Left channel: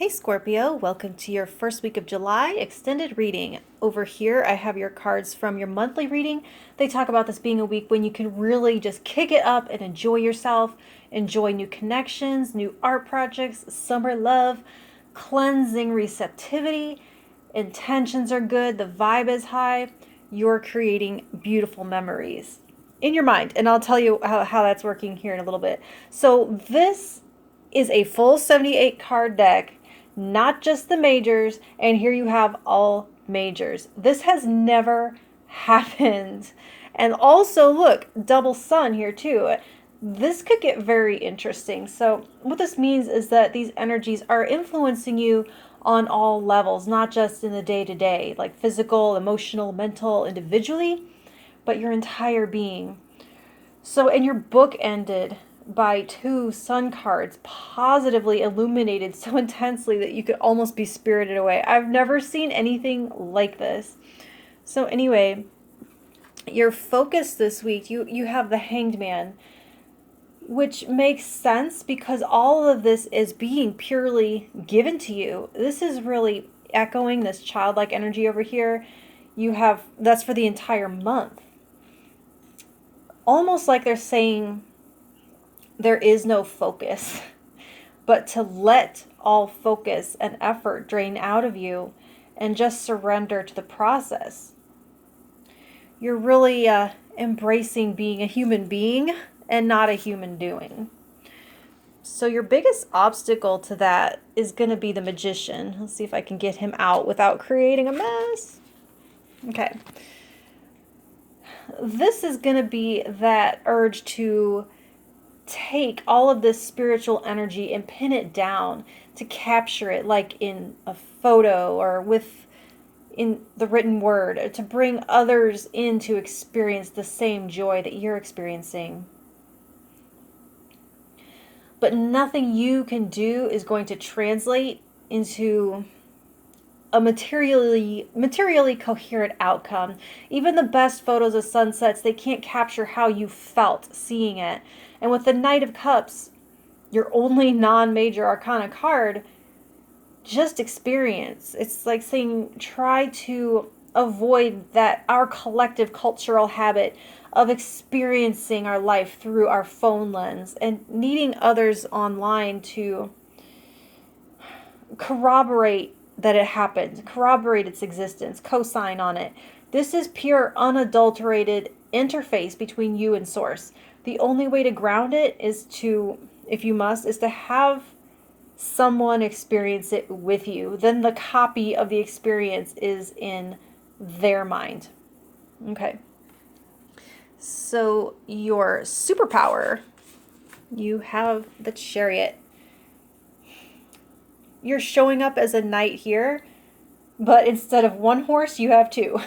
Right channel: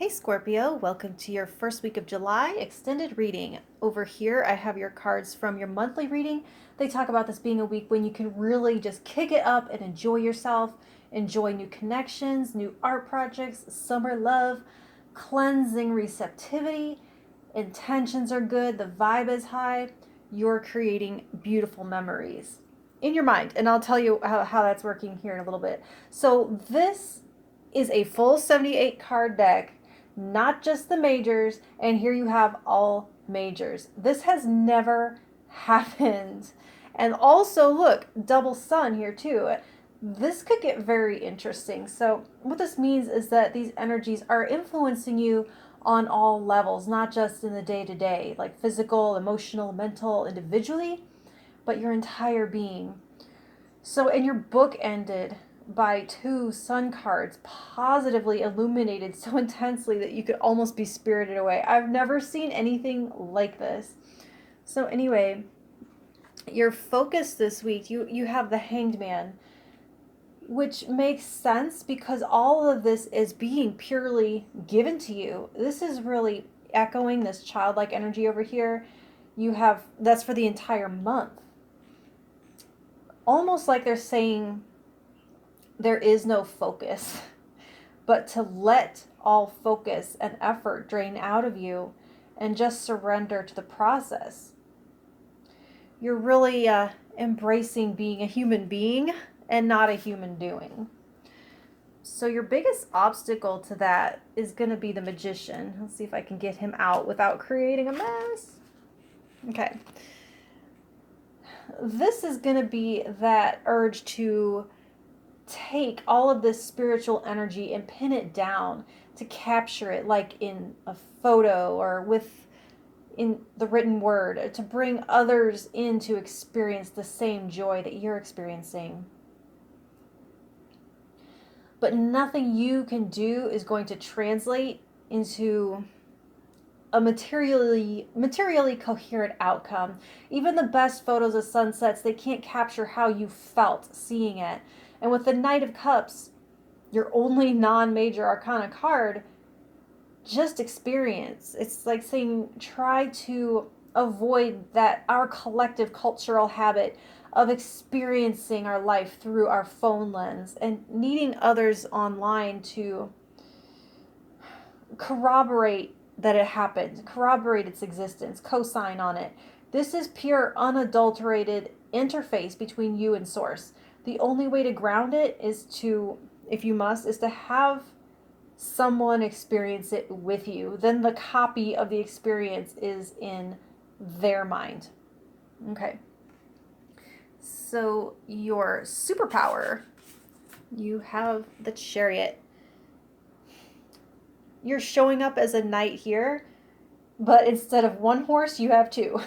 Hey Scorpio, welcome to your first week of July extended reading. Over here, I have your cards from your monthly reading. They talk about this being a week when you can really just kick it up and enjoy yourself, enjoy new connections, new art projects, summer love, cleansing receptivity. Intentions are good, the vibe is high. You're creating beautiful memories in your mind. And I'll tell you how that's working here in a little bit. So, this is a full 78 card deck, not just the majors, and here you have all majors. This has never happened. And also, look, double sun here too. This could get very interesting. So, what this means is that these energies are influencing you on all levels, not just in the day to day, like physical, emotional, mental, individually, but your entire being. So, and your book ended by two sun cards positively illuminated so intensely that you could almost be spirited away. I've never seen anything like this. So anyway, your focus this week, you have the Hanged Man, which makes sense because all of this is being purely given to you. This is really echoing this childlike energy over here. You have, that's for the entire month. Almost like they're saying there is no focus, but to let all focus and effort drain out of you and just surrender to the process. You're really embracing being a human being and not a human doing. So your biggest obstacle to that is going to be the Magician. Let's see if I can get him out without creating a mess. Okay. This is going to be that urge to take all of this spiritual energy and pin it down, to capture it like in a photo or in the written word, to bring others in to experience the same joy that you're experiencing. But nothing you can do is going to translate into a materially coherent outcome. Even the best photos of sunsets, they can't capture how you felt seeing it. And with the Knight of Cups, your only non-major arcana card, just experience. It's like saying try to avoid that our collective cultural habit of experiencing our life through our phone lens and needing others online to corroborate that it happened, corroborate its existence, co-sign on it. This is pure, unadulterated interface between you and source. The only way to ground it is to, if you must, is to have someone experience it with you. Then the copy of the experience is in their mind. Okay. So your superpower, you have the Chariot. You're showing up as a knight here, but instead of one horse, you have two.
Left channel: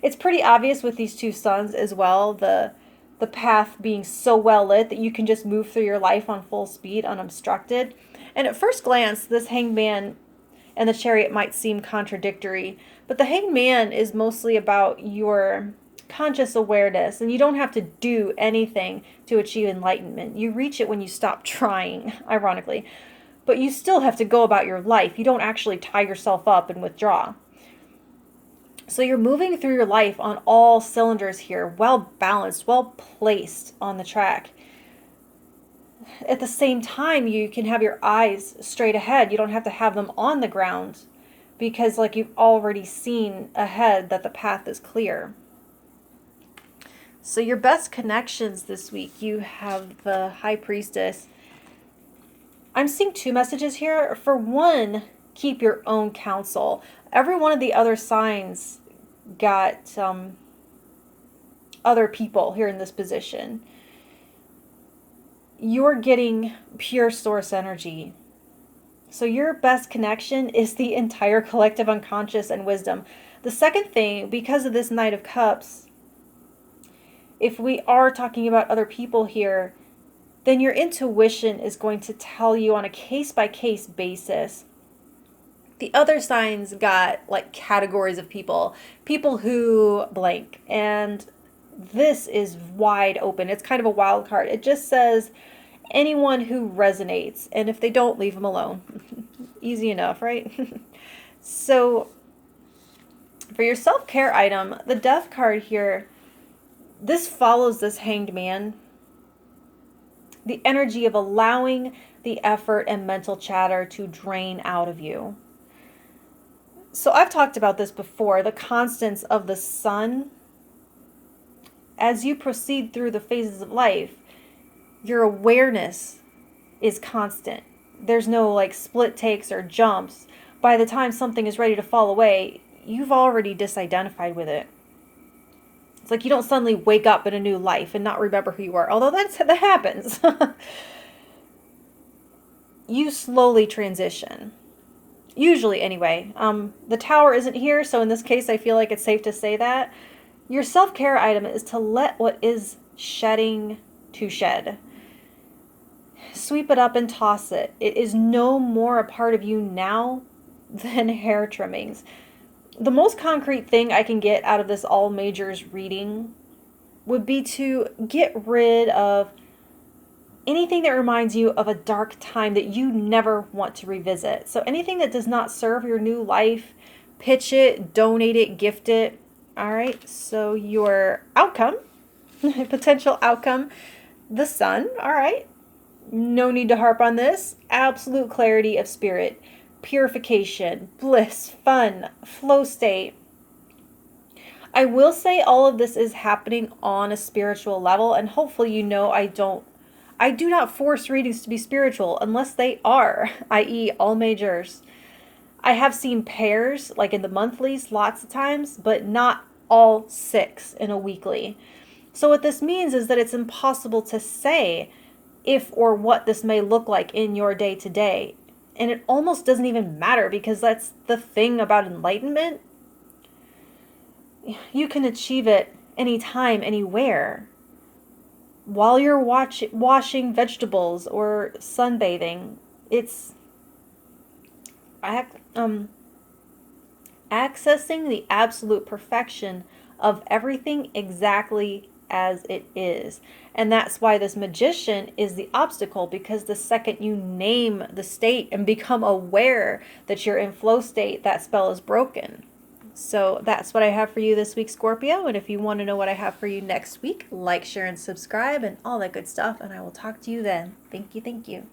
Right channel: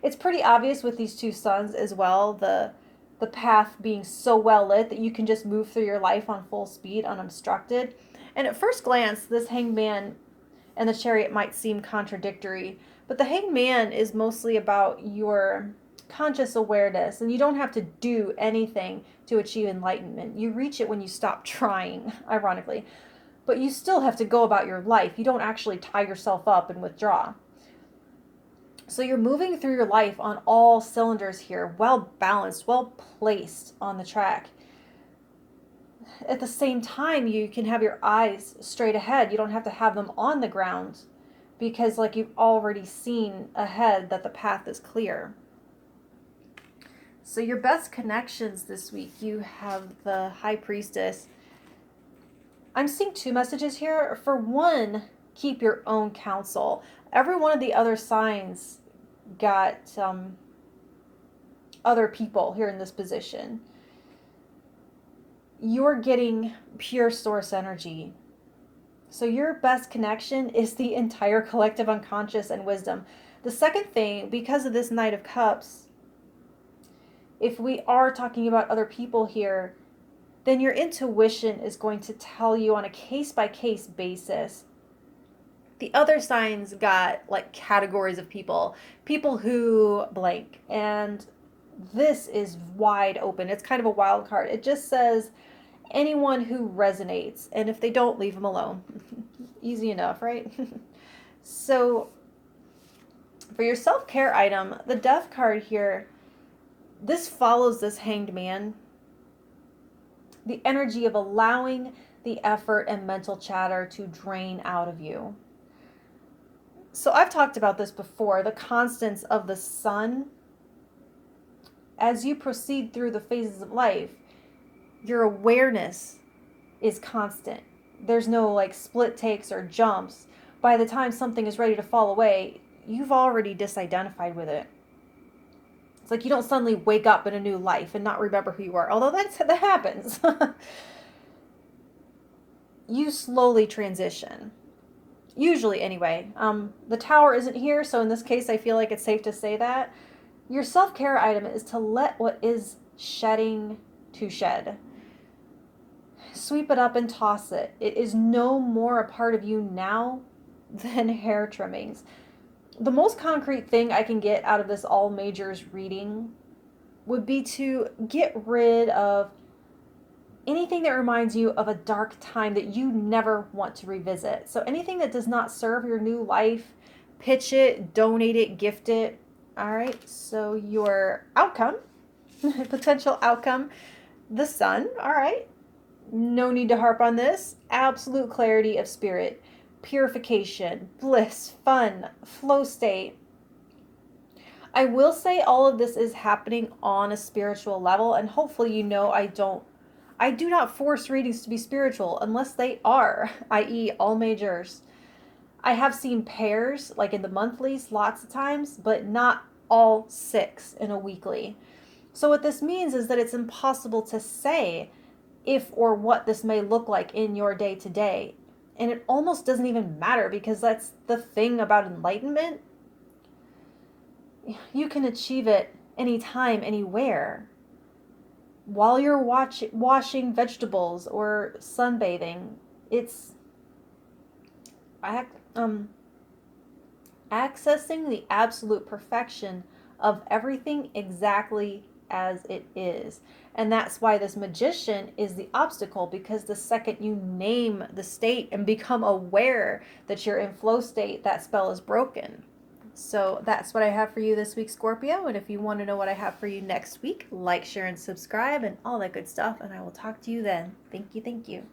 It's pretty obvious with these two suns as well, the path being so well lit that you can just move through your life on full speed, unobstructed. And at first glance, this Hanged Man and the Chariot might seem contradictory, but the Hanged Man is mostly about your conscious awareness, and you don't have to do anything to achieve enlightenment. You reach it when you stop trying, ironically. But you still have to go about your life. You don't actually tie yourself up and withdraw. So you're moving through your life on all cylinders here, well balanced, well placed on the track. At the same time, you can have your eyes straight ahead. You don't have to have them on the ground because like you've already seen ahead that the path is clear. So your best connections this week, you have the High Priestess. I'm seeing two messages here. For one, keep your own counsel. Every one of the other signs got other people here in this position. You're getting pure source energy. So your best connection is the entire collective unconscious and wisdom. The second thing, because of this Knight of Cups, if we are talking about other people here, then your intuition is going to tell you on a case-by-case basis. The other signs got like categories of people who blank, and this is wide open. It's kind of a wild card. It just says anyone who resonates, and if they don't, leave them alone. Easy enough, right? So for your self-care item, the Death card here, this follows this Hanged Man. The energy of allowing the effort and mental chatter to drain out of you. So I've talked about this before, the constants of the sun. As you proceed through the phases of life, your awareness is constant. There's no like split takes or jumps. By the time something is ready to fall away, you've already disidentified with it. It's like you don't suddenly wake up in a new life and not remember who you are, although that happens. You slowly transition. Usually, anyway. The Tower isn't here, so in this case, I feel like it's safe to say that. Your self-care item is to let what is shedding to shed. Sweep it up and toss it. It is no more a part of you now than hair trimmings. The most concrete thing I can get out of this all majors reading would be to get rid of anything that reminds you of a dark time that you never want to revisit. So anything that does not serve your new life, pitch it, donate it, gift it. All right, so your outcome, potential outcome, the Sun. All right, no need to harp on this. Absolute clarity of spirit, purification, bliss, fun, flow state. I will say all of this is happening on a spiritual level, and hopefully you know I do not force readings to be spiritual unless they are, i.e. all majors. I have seen pairs, like in the monthlies, lots of times, but not all 6 in a weekly. So what this means is that it's impossible to say if or what this may look like in your day to day. And it almost doesn't even matter, because that's the thing about enlightenment. You can achieve it anytime, anywhere. While you're washing vegetables or sunbathing, it's accessing the absolute perfection of everything exactly as it is. And that's why this Magician is the obstacle, because the second you name the state and become aware that you're in flow state, that spell is broken. So that's what I have for you this week, Scorpio. And if you want to know what I have for you next week, like, share, and subscribe and all that good stuff. And I will talk to you then. Thank you. Thank you.